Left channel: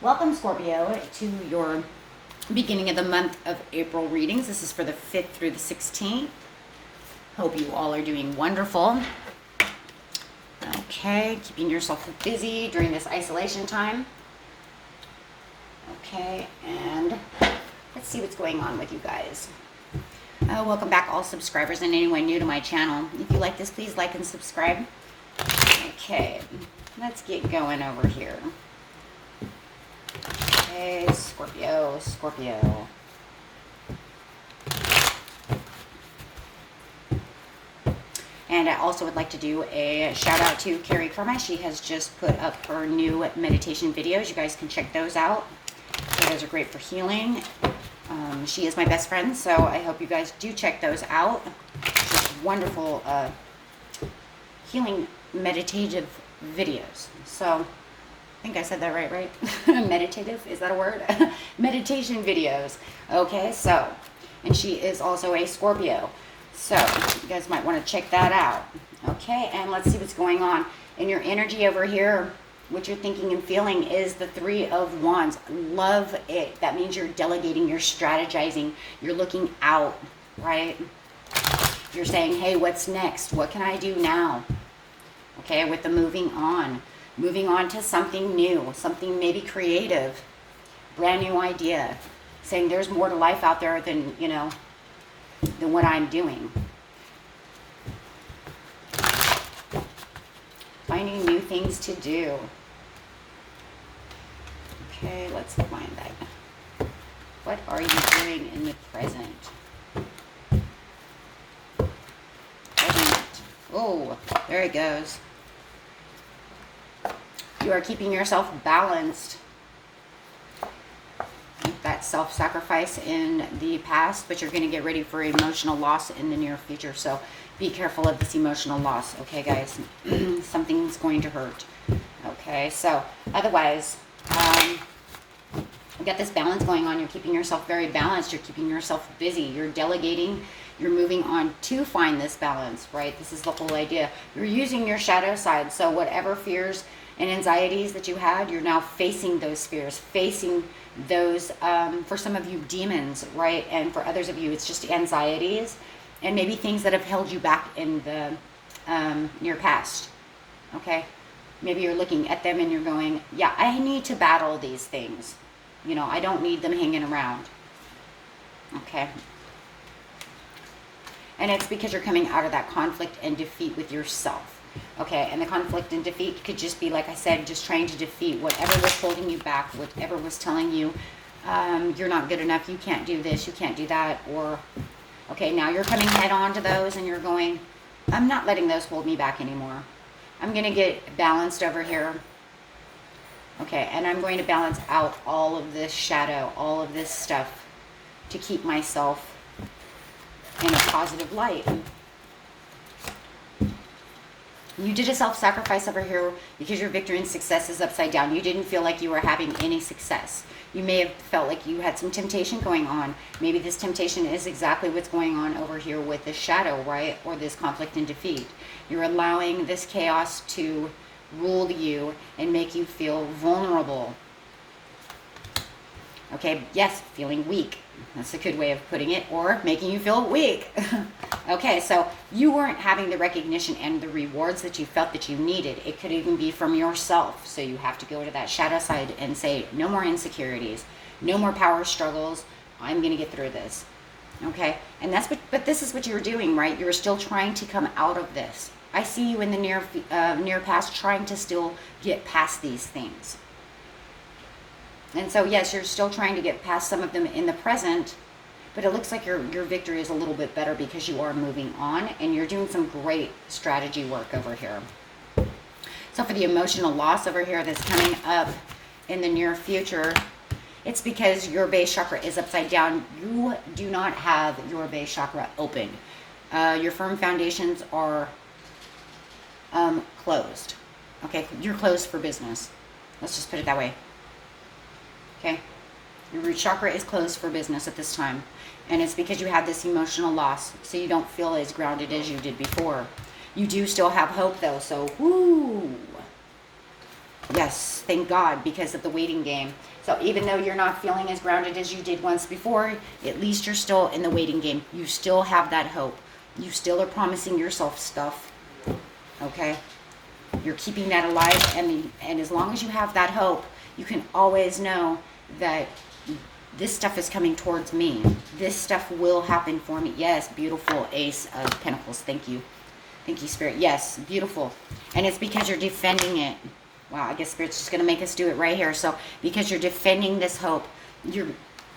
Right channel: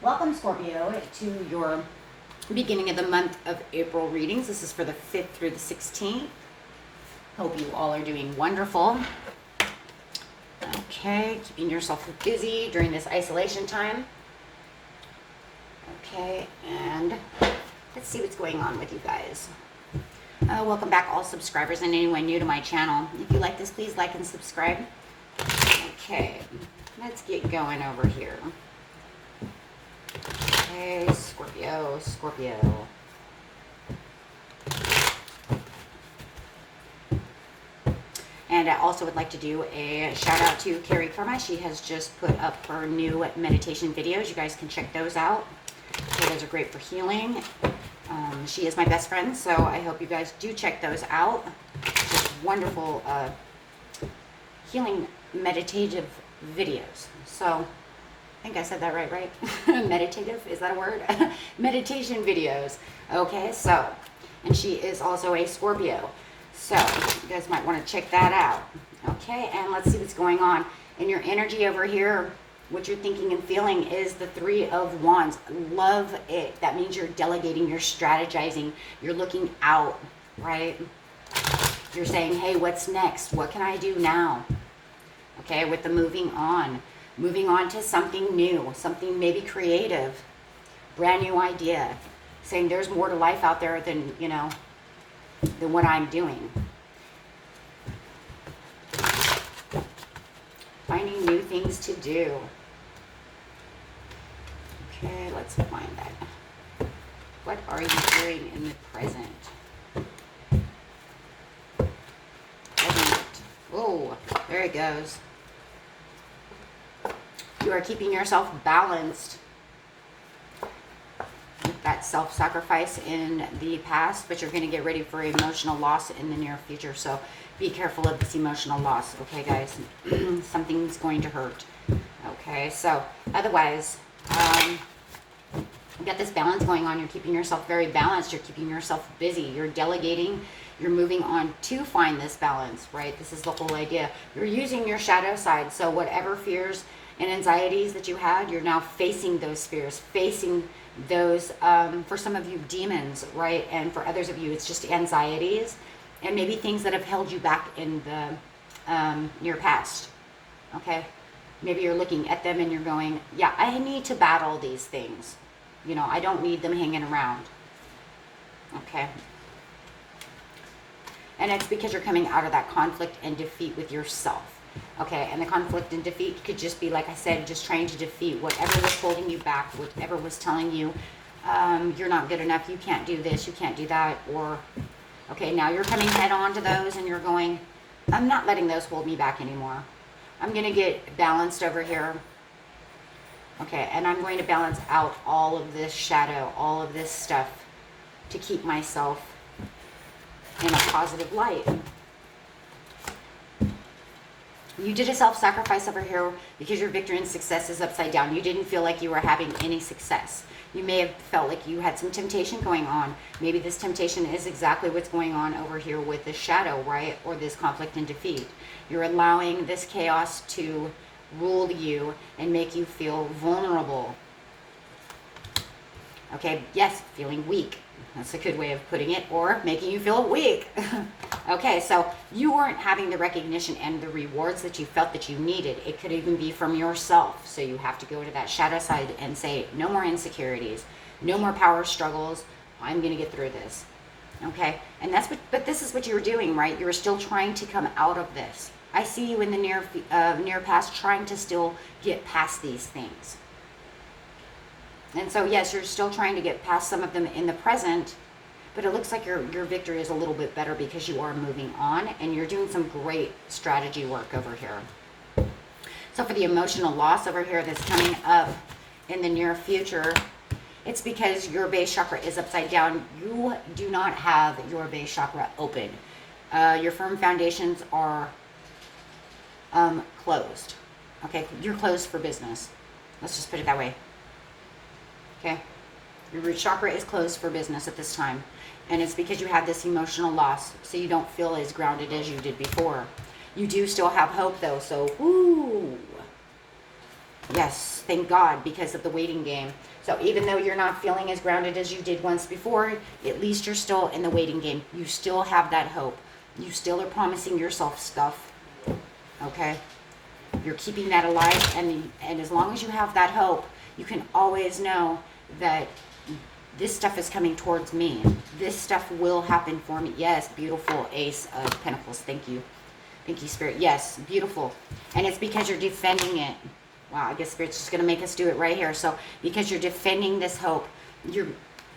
Welcome, Scorpio, to your beginning of the month of April readings. This is for the 5th through the 16th. Hope you all are doing wonderful. Okay, keeping yourself busy during this isolation time. Okay, and let's see what's going on with you guys. Welcome back, all subscribers and anyone new to my channel. If you like this, please like and subscribe. Okay, let's get going over here. Okay, Scorpio. And I also would like to do a shout out to Carrie Karma. She has just put up her new meditation videos. You guys can check those out. Those are great for healing. She is my best friend, so I hope you guys do check those out. Just wonderful healing meditative videos. So I think I said that right? Meditative, is that a word? Meditation videos. Okay, so, and she is also a Scorpio. So, you guys might want to check that out. Okay, and let's see what's going on. In your energy over here, what you're thinking and feeling is the Three of Wands. Love it. That means you're delegating, you're strategizing, you're looking out, right? You're saying, hey, what's next? What can I do now? Okay, with the moving on to something new, something maybe creative, brand new idea, saying there's more to life out there than, you know, than what I'm doing. Finding new things to do. Okay, let's find that. What are you doing in the present? Oh, there it goes. You are keeping yourself balanced. That self-sacrifice in the past, but you're going to get ready for emotional loss in the near future. So be careful of this emotional loss, okay, guys? Something's going to hurt. Okay, so otherwise, you got this balance going on. You're keeping yourself very balanced. You're keeping yourself busy. You're delegating. You're moving on to find this balance, right? This is the whole idea. You're using your shadow side. So whatever fears and anxieties that you had, you're now facing those fears, facing those, for some of you, demons, right? And for others of you, it's just anxieties and maybe things that have held you back in the near past, okay? Maybe you're looking at them and you're going, yeah, I need to battle these things. You know, I don't need them hanging around, okay? And it's because you're coming out of that conflict and defeat with yourself. Okay, and the conflict and defeat could just be, like I said, just trying to defeat whatever was holding you back, whatever was telling you you're not good enough, you can't do this, you can't do that, or, okay, now you're coming head on to those and you're going, I'm not letting those hold me back anymore. I'm going to get balanced over here. Okay, and I'm going to balance out all of this shadow, all of this stuff to keep myself in a positive light. You did a self-sacrifice over here because your victory and success is upside down. You didn't feel like you were having any success. You may have felt like you had some temptation going on. Maybe this temptation is exactly what's going on over here with the shadow, right? Or this conflict and defeat. You're allowing this chaos to rule you and make you feel vulnerable. Okay, yes, feeling weak. That's a good way of putting it, or making you feel weak. Okay, so you weren't having the recognition and the rewards that you felt that you needed. It could even be from yourself. So you have to go to that shadow side and say, no more insecurities, no more power struggles. I'm going to get through this. Okay, and that's what, but this is what you're doing, right? You're still trying to come out of this. I see you in the near past trying to still get past these things. And so, yes, you're still trying to get past some of them in the present, but it looks like your victory is a little bit better because you are moving on and you're doing some great strategy work over here. So for the emotional loss over here that's coming up in the near future, it's because your base chakra is upside down. You do not have your base chakra open. Your firm foundations are closed. Okay, you're closed for business. Let's just put it that way. Okay, your root chakra is closed for business at this time. And it's because you have this emotional loss, so you don't feel as grounded as you did before. You do still have hope, though, so whoo. Yes, thank God, because of the waiting game. So even though you're not feeling as grounded as you did once before, at least you're still in the waiting game. You still have that hope. You still are promising yourself stuff. Okay? You're keeping that alive, and as long as you have that hope, you can always know that this stuff is coming towards me. This stuff will happen for me. Yes, beautiful Ace of Pentacles. Thank you. Thank you, Spirit. Yes, beautiful. And it's because you're defending it. Wow, I guess Spirit's just going to make us do it right here. So, because you're defending this hope,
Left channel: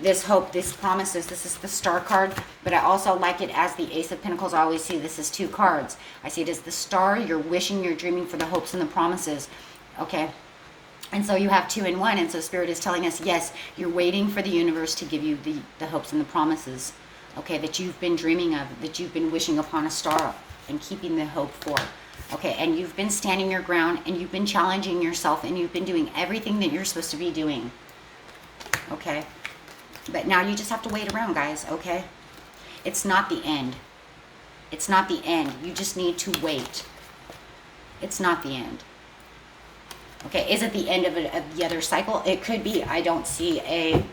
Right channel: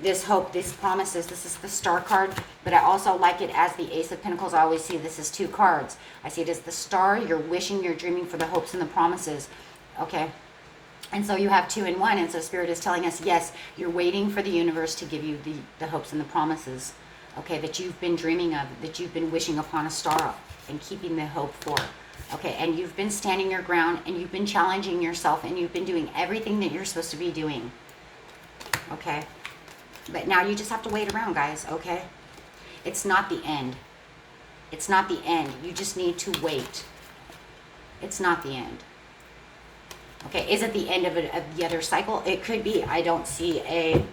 this hope, these promises, this is the Star card, but I also like it as the Ace of Pentacles. I always see this as two cards. I see it as the Star, you're wishing, you're dreaming for the hopes and the promises. Okay? And so you have two in one, and so Spirit is telling us, yes, you're waiting for the universe to give you the hopes and the promises, okay, that you've been dreaming of, that you've been wishing upon a star and keeping the hope for. Okay, and you've been standing your ground, and you've been challenging yourself, and you've been doing everything that you're supposed to be doing. Okay? But now you just have to wait around, guys, okay? It's not the end. It's not the end. You just need to wait. It's not the end. Okay, is it the end of the other cycle? It could be. I do not see a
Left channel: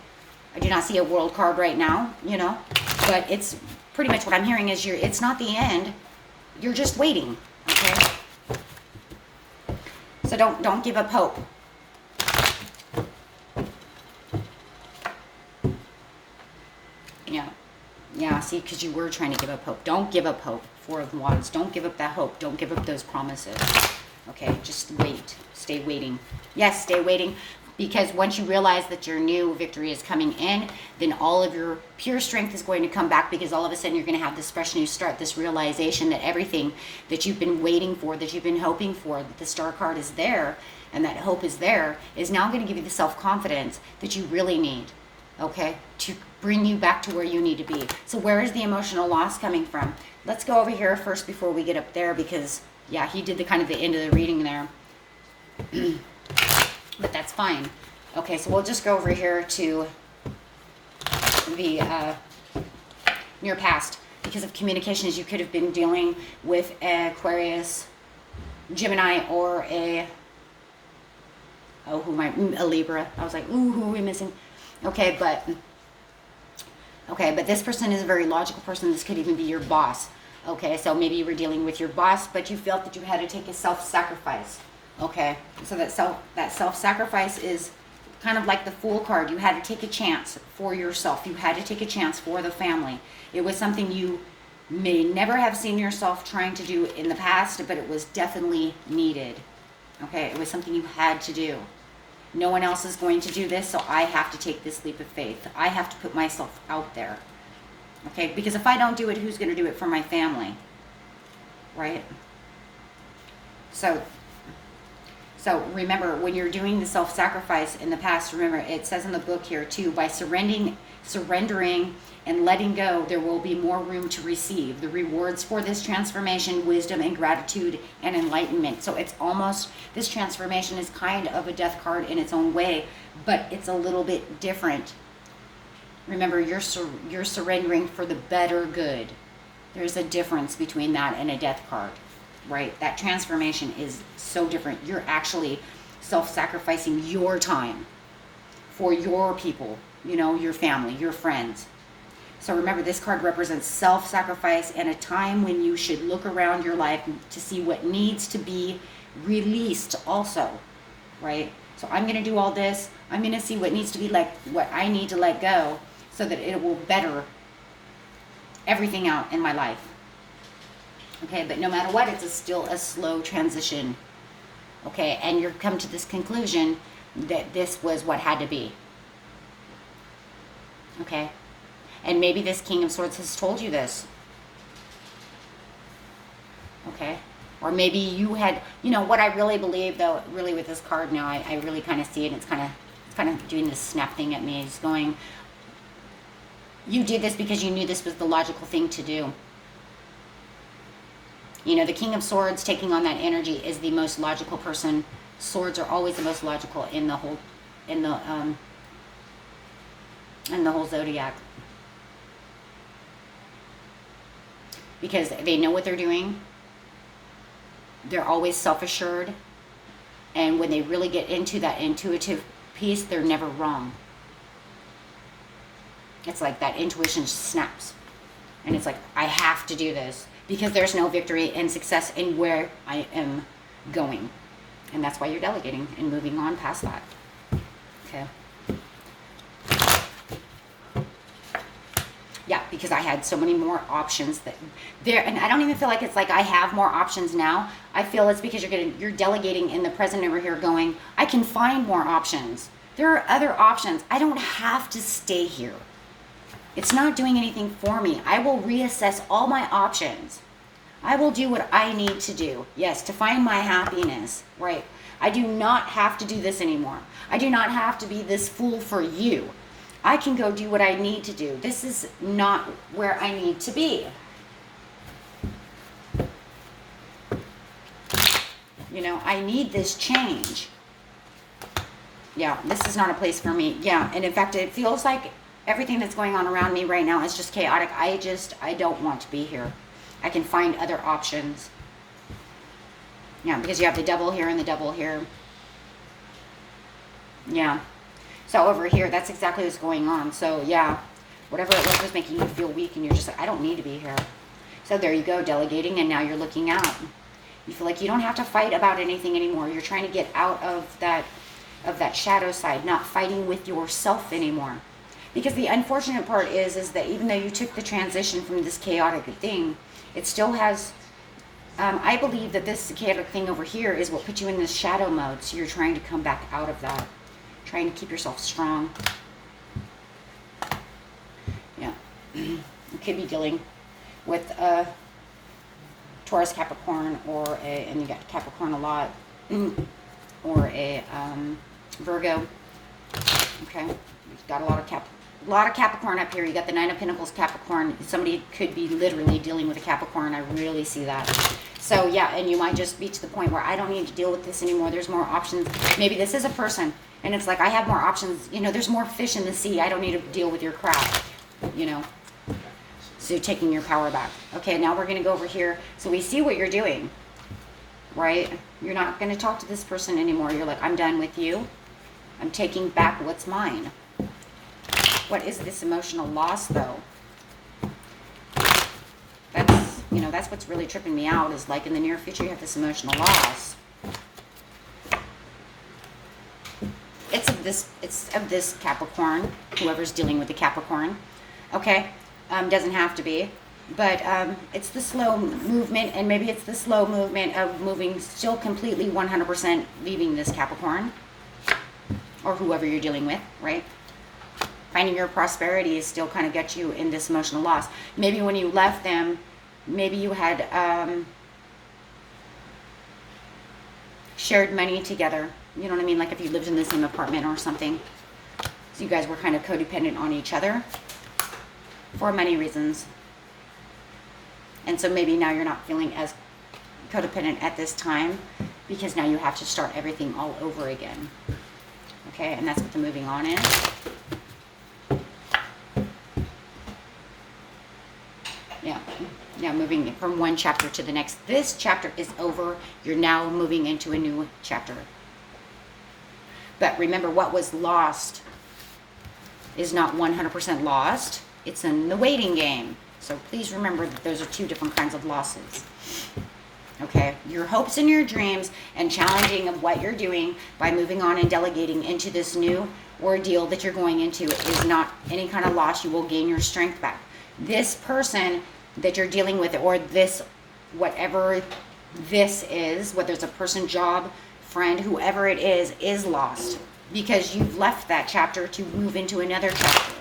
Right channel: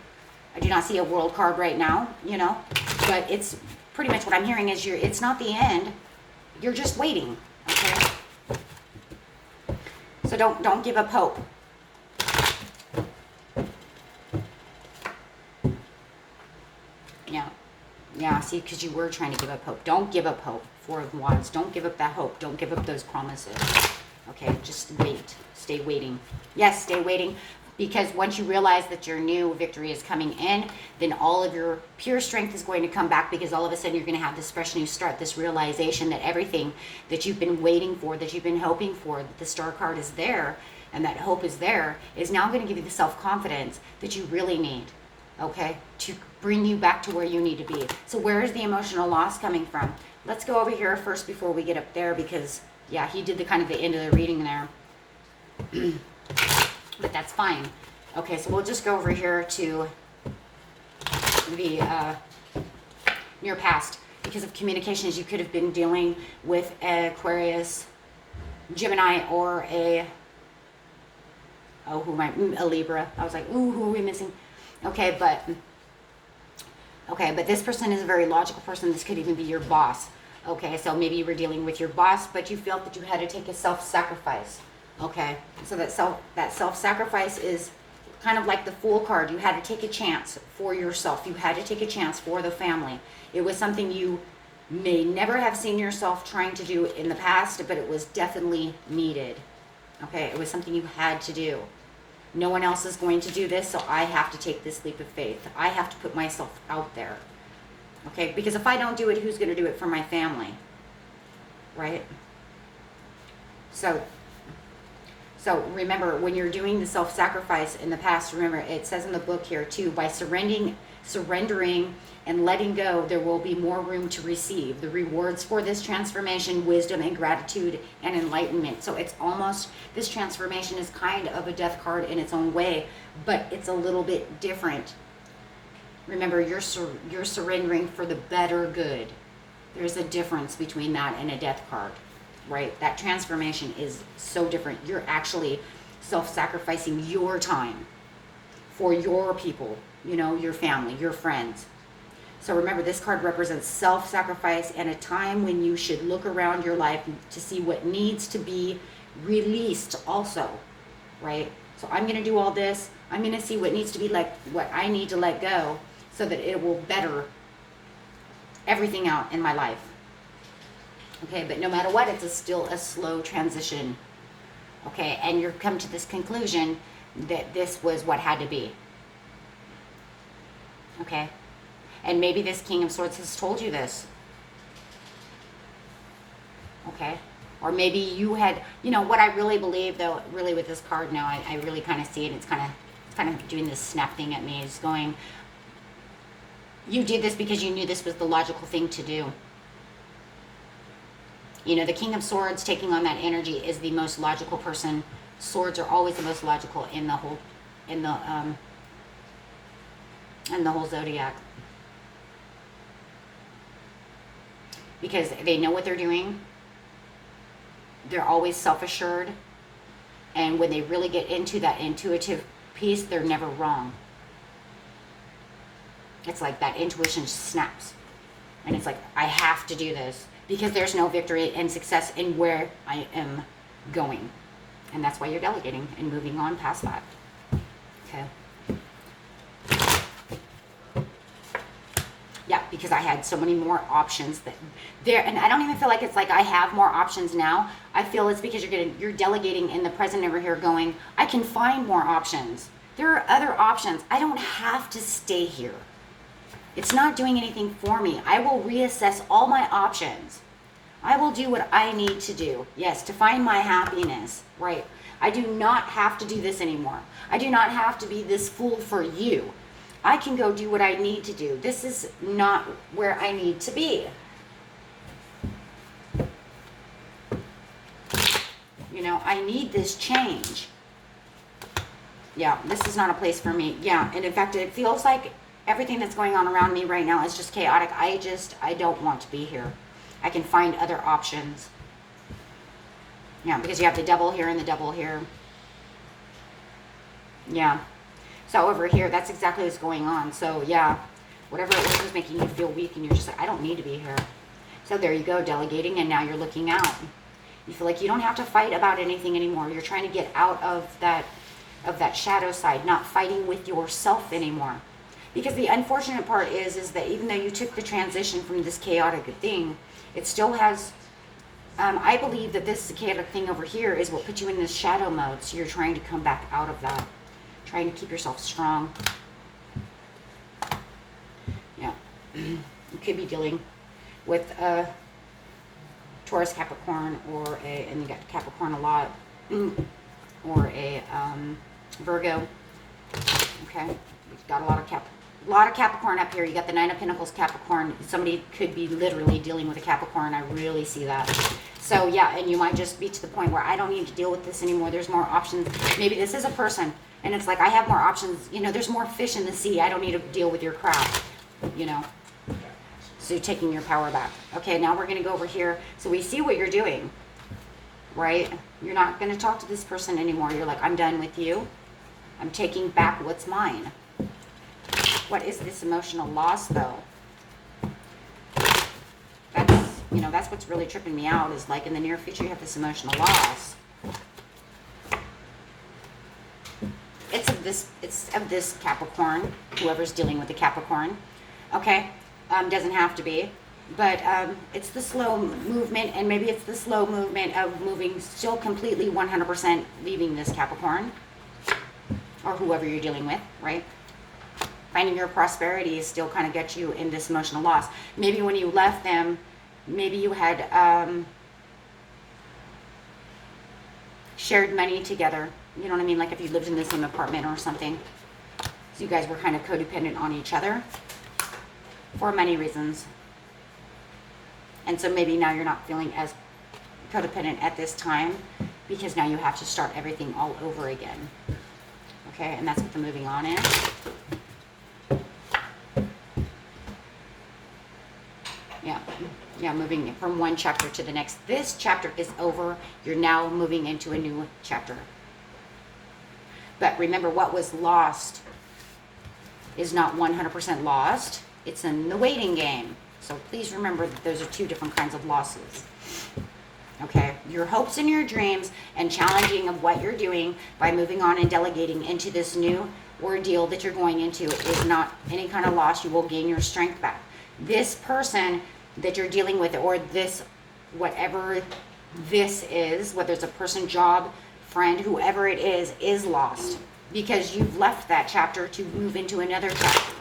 world card right now, you know, but it's pretty much what I'm hearing is it's not the end. You're just waiting. Okay. So don't give up hope. Yeah. See, because you were trying to give up hope. Don't give up hope. Four of Wands. Don't give up that hope. Don't give up those promises. Okay, just wait. Stay waiting. Yes, stay waiting. Because once you realize that your new victory is coming in, then all of your pure strength is going to come back, because all of a sudden you're going to have this fresh new start, this realization that everything that you've been waiting for, that you've been hoping for, that the Star card is there, and that hope is there, is now going to give you the self-confidence that you really need, okay, to bring you back to where you need to be. So where is the emotional loss coming from? Let's go over here first before we get up there, because, yeah, he did the kind of the end of the reading there. But that's fine. Okay, so we'll just go over here to the near past. Because of communications, you could have been dealing with Aquarius, Gemini, or a Libra. I was like, ooh, who are we missing? Okay, but this person is a very logical person. This could even be your boss. Okay, so maybe you were dealing with your boss, but you felt that you had to take a self-sacrifice. Okay, so that self-sacrifice is kind of like the Fool card. You had to take a chance for yourself. You had to take a chance for the family. It was something you may never have seen yourself trying to do in the past, but it was definitely needed. Okay, it was something you had to do. No one else is going to do this, so I have to take this leap of faith. I have to put myself out there. Okay, because if I don't do it, who's going to do it for my family? Right? So remember, when you're doing the self-sacrifice in the past, remember, it says in the book here too, by surrendering and letting go, there will be more room to receive the rewards for this transformation, wisdom and gratitude and enlightenment. So it's almost, this transformation is kind of a death card in its own way, but it's a little bit different. Remember, you're surrendering for the better good. There's a difference between that and a death card. Right? That transformation is so different. You're actually self-sacrificing your time for your people, you know, your family, your friends. So remember, this card represents self-sacrifice and a time when you should look around your life to see what needs to be released also, right? So I'm going to do all this. I'm going to see what needs to be, like, what I need to let go so that it will better everything out in my life. Okay, but no matter what, it's still a slow transition. Okay, and you're come to this conclusion that this was what had to be. Okay, and maybe this King of Swords has told you this. Okay, or maybe you had, you know, what I really believe, though, really with this card now, I really kind of see it. It's kind of doing this snap thing at me. It's going, you did this because you knew this was the logical thing to do. You know, the King of Swords taking on that energy is the most logical person. Swords are always the most logical in the whole zodiac, because they know what they're doing. They're always self-assured, And when they really get into that intuitive piece, they're never wrong. It's like that intuition snaps. And it's like, I have to do this because there's no victory and success in where I am going. And that's why you're delegating and moving on past that. Okay. Yeah, because I had so many more options that there, and I don't even feel like it's like I have more options now. I feel it's because you're delegating in the present over here going, I can find more options. There are other options. I don't have to stay here. It's not doing anything for me. I will reassess all my options. I will do what I need to do. Yes, to find my happiness, right? I do not have to do this anymore. I do not have to be this fool for you. I can go do what I need to do. This is not where I need to be. You know, I need this change. Yeah, this is not a place for me. Yeah, and in fact, it feels like everything that's going on around me right now is just chaotic. I don't want to be here. I can find other options. Yeah, because you have the devil here and the devil here. Yeah. So over here, that's exactly what's going on. So yeah, whatever it was making you feel weak and you're just like, I don't need to be here. So there you go, delegating, and now you're looking out. You feel like you don't have to fight about anything anymore. You're trying to get out of that shadow side, not fighting with yourself anymore. Because the unfortunate part is that even though you took the transition from this chaotic thing, it still has, I believe that this chaotic thing over here is what put you in this shadow mode. So you're trying to come back out of that. Trying to keep yourself strong. Yeah. You could be dealing with a Taurus, Capricorn, and you got Capricorn a lot, or a Virgo. Okay. You've got a lot of Capricorn up here. You got the Nine of Pentacles, Capricorn. Somebody could be literally dealing with a Capricorn. I really see that. So yeah, and you might just be to the point where I don't need to deal with this anymore. There's more options. Maybe this is a person. And it's like, I have more options. You know, there's more fish in the sea. I don't need to deal with your crap, you know. So taking your power back. Okay, now we're going to go over here. So we see what you're doing, right? You're not going to talk to this person anymore. You're like, I'm done with you. I'm taking back what's mine. What is this emotional loss, though? That's, you know, that's what's really tripping me out is like in the near future, you have this emotional loss. It's of this Capricorn, whoever's dealing with the Capricorn. Okay, doesn't have to be, but it's the slow movement, and maybe it's the slow movement of moving still completely 100% leaving this Capricorn, or whoever you're dealing with, right? Finding your prosperity is still kind of got you in this emotional loss. Maybe when you left them, maybe you had shared money together. You know what I mean? Like if you lived in the same apartment or something. So you guys were kind of codependent on each other for many reasons. And so maybe now you're not feeling as codependent at this time because now you have to start everything all over again. Okay, and that's what the moving on is. Yeah, moving from one chapter to the next. This chapter is over. You're now moving into a new chapter. But remember, what was lost is not 100% lost. It's in the waiting game. So please remember that those are two different kinds of losses. Okay, your hopes and your dreams and challenging of what you're doing by moving on and delegating into this new ordeal that you're going into is not any kind of loss. You will gain your strength back. This person that you're dealing with, or this, whatever this is, whether it's a person, job, friend, whoever it is lost because you've left that chapter to move into another chapter.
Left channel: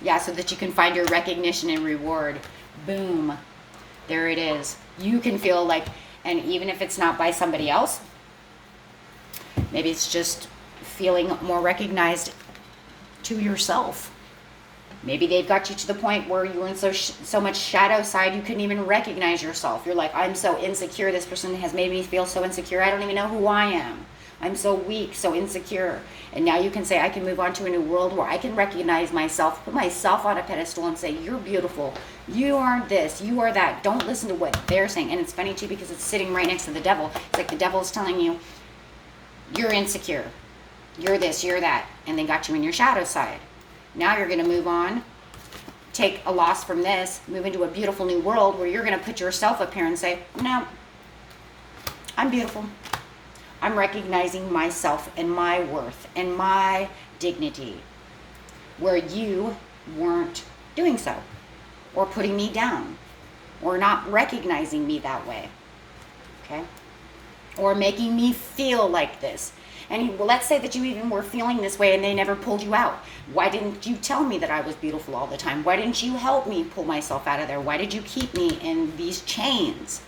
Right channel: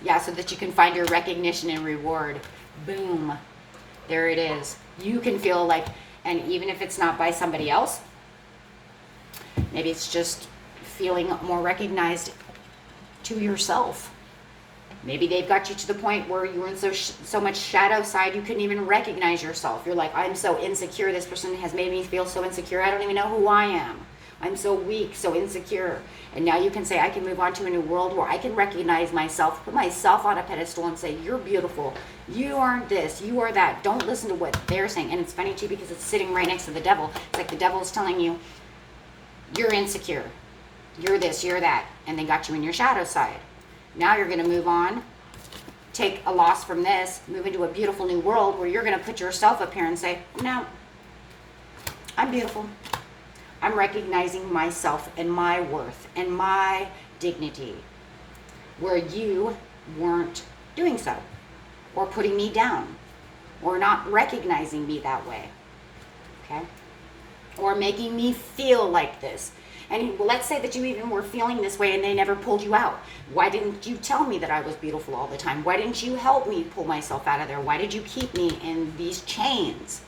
Yeah, so that you can find your recognition and reward. Boom. There it is. You can feel like, and even if it's not by somebody else, maybe it's just feeling more recognized to yourself. Maybe they've got you to the point where you were in so much shadow side you couldn't even recognize yourself. You're like, I'm so insecure. This person has made me feel so insecure. I don't even know who I am. I'm so weak, so insecure. And now you can say, I can move on to a new world where I can recognize myself, put myself on a pedestal and say, you're beautiful. You are this, you are that. Don't listen to what they're saying. And it's funny too, because it's sitting right next to the devil. It's like the devil's telling you, you're insecure. You're this, you're that. And they got you in your shadow side. Now you're going to move on, take a loss from this, move into a beautiful new world where you're going to put yourself up here and say, no, I'm beautiful. I'm recognizing myself and my worth and my dignity, where you weren't doing so, or putting me down, or not recognizing me that way, okay? Or making me feel like this. And well, let's say that you even were feeling this way and they never pulled you out. Why didn't you tell me that I was beautiful all the time? Why didn't you help me pull myself out of there? Why did you keep me in these chains?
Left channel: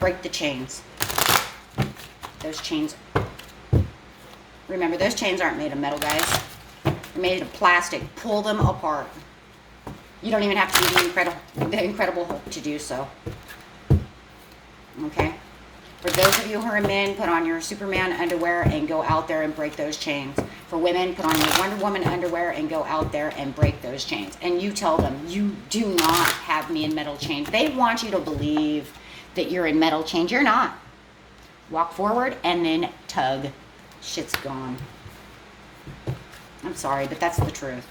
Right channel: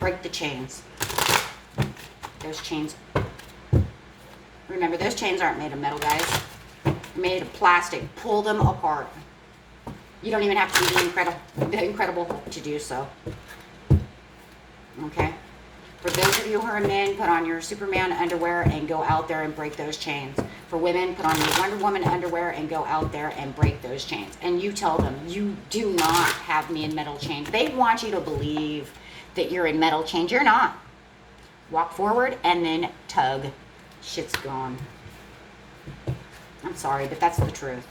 Break the chains. Those chains. Remember, those chains aren't made of metal, guys. They're made of plastic. Pull them apart. You don't even have to be the incredible to do so. Okay? For those of you who are men, put on your Superman underwear and go out there and break those chains. For women, put on your Wonder Woman underwear and go out there and break those chains. And you tell them, you do not have me in metal chains. They want you to believe that you're in metal chains. You're not. Walk forward and then tug. Shit's gone. I'm sorry, but that's the truth.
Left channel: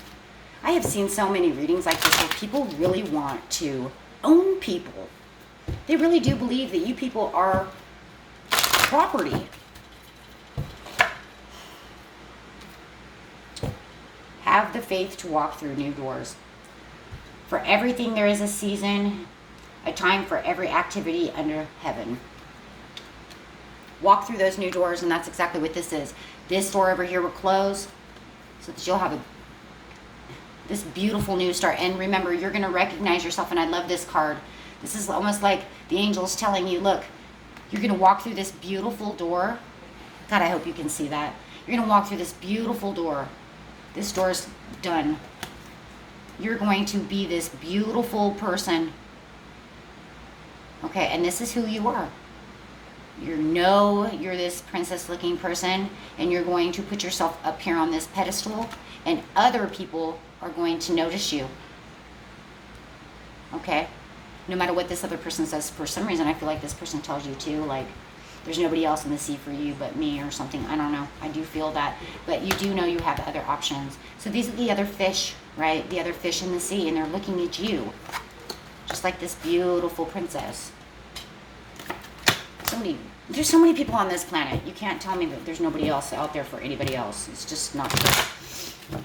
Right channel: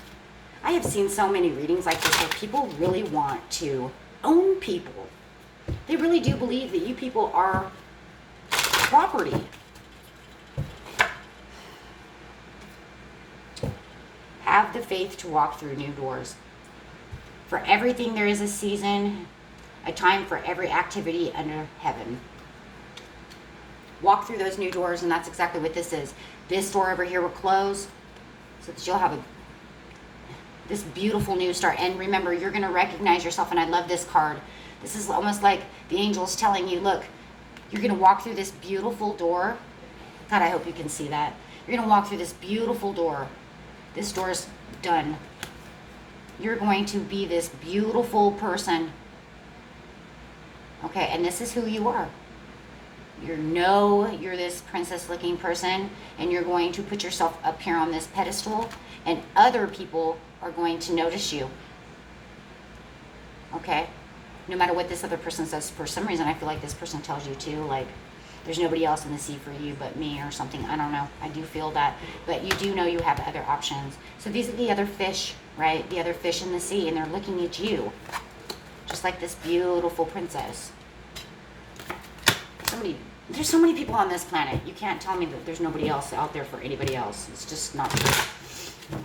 I have seen so many readings like this where people really want to own people. They really do believe that you people are property. Have the faith to walk through new doors. For everything there is a season, a time for every activity under heaven. Walk through those new doors, and that's exactly what this is. This door over here will close so that you'll have this beautiful new start. And remember, you're going to recognize yourself, and I love this card. This is almost like the angels telling you, look, you're going to walk through this beautiful door. God, I hope you can see that. You're going to walk through this beautiful door. This door's done. You're going to be this beautiful person. Okay, and this is who you are. You're this princess looking person, and you're going to put yourself up here on this pedestal, and other people are going to notice you. Okay? No matter what this other person says, for some reason I feel like this person tells you too, like, there's nobody else in the sea for you but me or something. I don't know. I do feel that. But you do know you have other options. So these are the other fish, right? The other fish in the sea, and they're looking at you. Just like this beautiful princess. There's so many people on this planet. You can't tell me that there's nobody else out there for anybody else. It's just not true.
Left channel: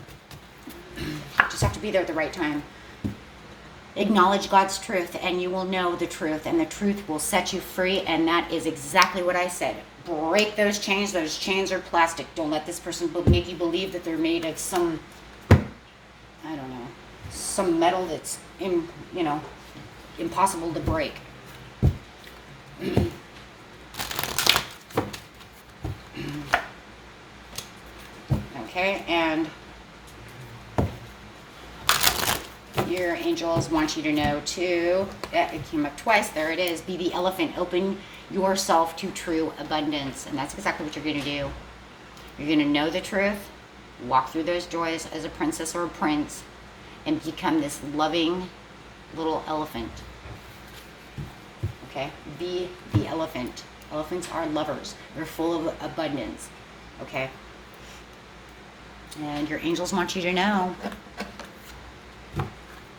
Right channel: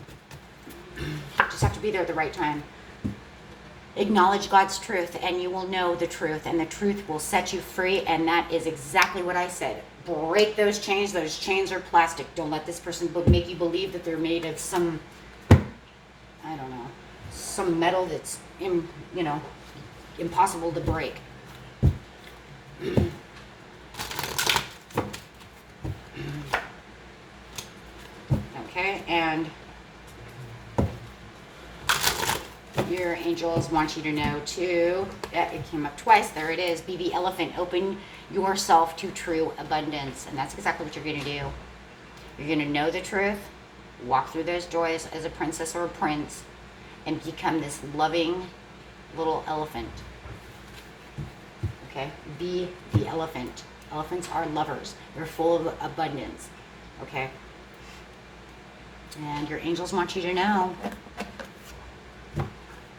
Just have to be there at the right time. Acknowledge God's truth, and you will know the truth, and the truth will set you free. And that is exactly what I said. Break those chains. Those chains are plastic. Don't let this person make you believe that they're made of some, I don't know, some metal that's, impossible to break. Okay, and your angels want you to know too, it came up twice, there it is, be the elephant, open yourself to true abundance. And that's exactly what you're going to do. You're going to know the truth, walk through those joys as a princess or a prince, and become this loving little elephant. Okay, be the elephant. Elephants are lovers. They're full of abundance. Okay, and your angels want you to know.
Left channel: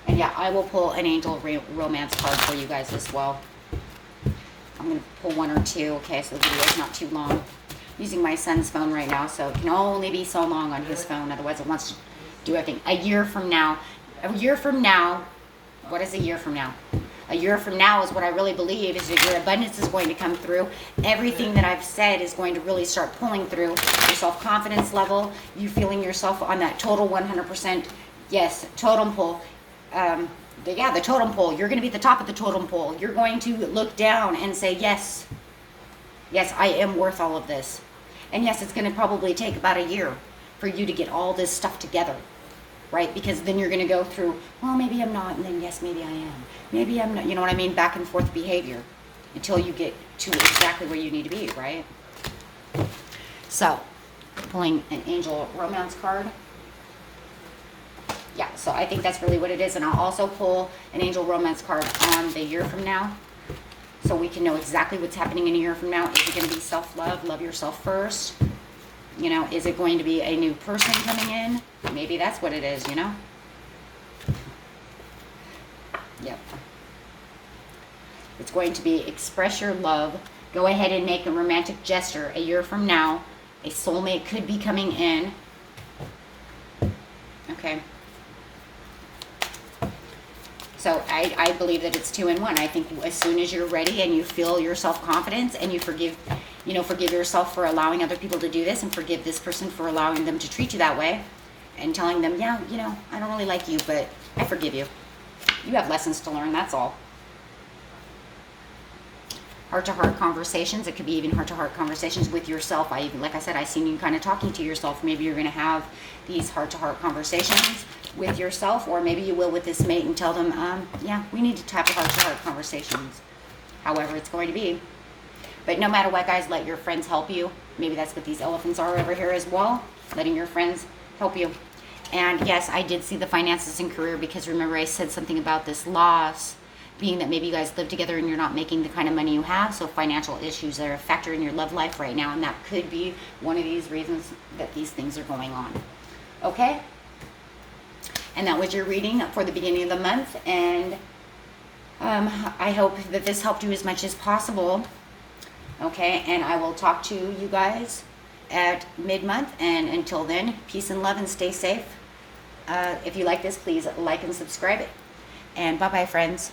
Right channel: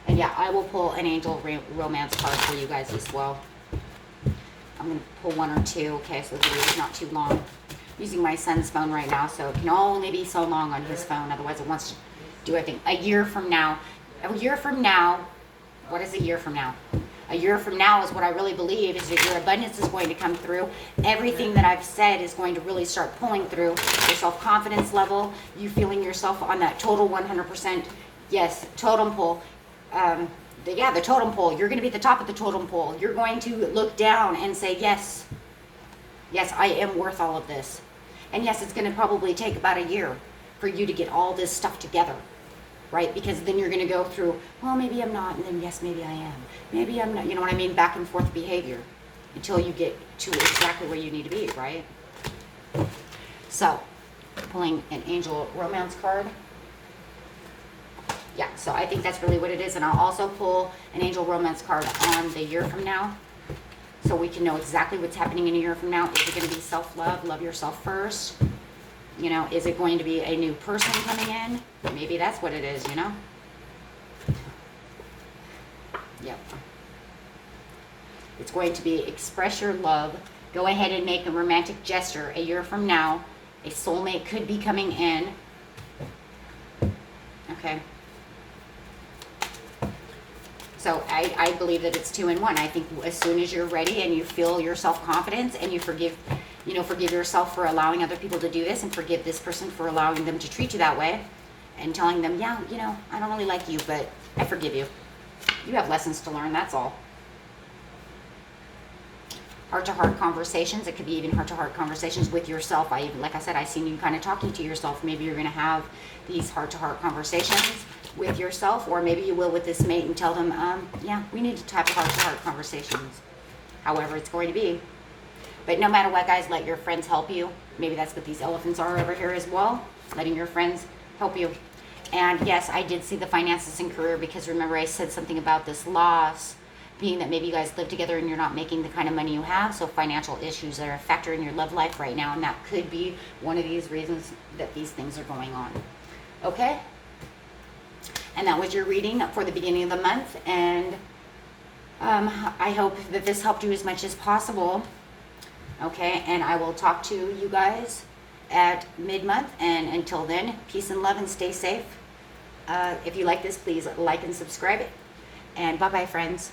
And yeah, I will pull an angel romance card for you guys as well. I'm going to pull one or two, okay, so the video is not too long. I'm using my son's phone right now, so it can only be so long on his phone. Otherwise, it wants to do everything. A year from now, what is a year from now? A year from now is what I really believe is that your abundance is going to come through. Everything that I've said is going to really start pulling through. Your self-confidence level, you feeling yourself on that total 100%, yes, totem pole. The totem pole. You're going to be at the top of the totem pole. You're going to look down and say, yes, I am worth all of this. And yes, it's going to probably take about a year for you to get all this stuff together, right? Because then you're going to go through, oh, maybe I'm not, and then yes, maybe I am. Maybe I'm not, you know what I mean? Back and forth behavior. until you get to exactly where you need to be, right? So, pulling an angel romance card. Yeah, so I think that's really what it is. And I'll also pull an angel romance card on the year from now, so we can know exactly what's happening in a year from now. Is it going to be self-love, love yourself first? You know, is it going to be a new person coming in? Maybe that's what it is, you know? Yep. It's going to be express your love. Go ahead and make a romantic gesture. A year from now, a soulmate could be coming in. Okay. So I believe that it's 2 in 1. I think as soon as you're ready and you feel your self-confidence and you forgive yourself for allowing other people to do this, and forgive this person for allowing them to treat you that way, and telling them, yeah, you know, I don't really like you, but I forgive you. You have lessons to learn, that's all. Heart-to-heart conversations. It could be even heart-to-heart conversations with yourself. Like I said, I seen you kind of talking to yourself. Maybe you're going to have these heart-to-heart conversations with yourself, or maybe you will with this mate and tell them, yeah, we need to have heart-to-heart conversations. However it's going to be. But no matter what, guys, let your friends help you. Maybe that's what these elephants are over here as well. Letting your friends help you. And yes, I did see the finances and career, because remember I said something about this loss being that maybe you guys live together and you're not making the kind of money you have. So financial issues are a factor in your love life right now, and that could be one of these reasons that these things are going on. Okay? And that was your reading for the beginning of the month. And I hope that this helped you as much as possible. Okay? And I will talk to you guys at mid-month. And until then, peace and love, and stay safe. If you like this, please like and subscribe it. And bye-bye, friends.